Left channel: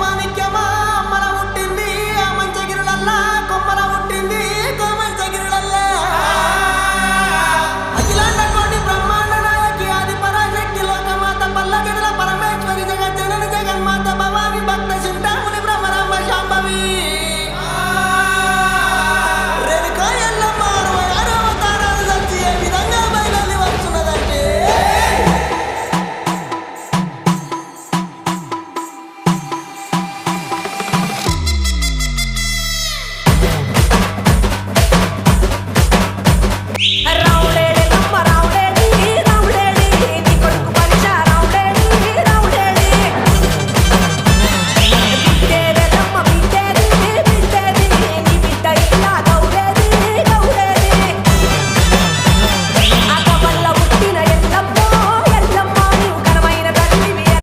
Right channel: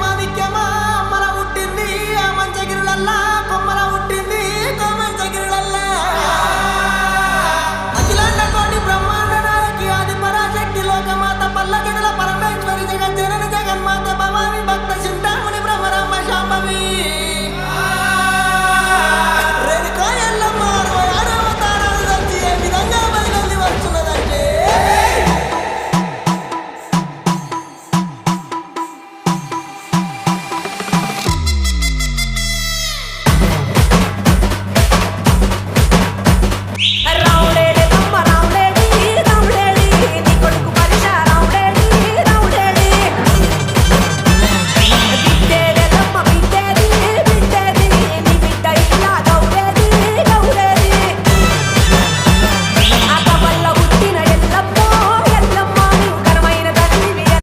మాణిక్యమా అమ్మల పుట్టింది ఆ మంచగిరులల్లా కొమ్మల పుట్టింది కోమంచగిరులల్లా అఖిలాండ కోటి బ్రహ్మాండ నాయకి ఆది పరాశక్తి లోకమాత పల్లగడుల పరమేశ్వరి జగజ్జనని జగన్మాత భవాని భక్త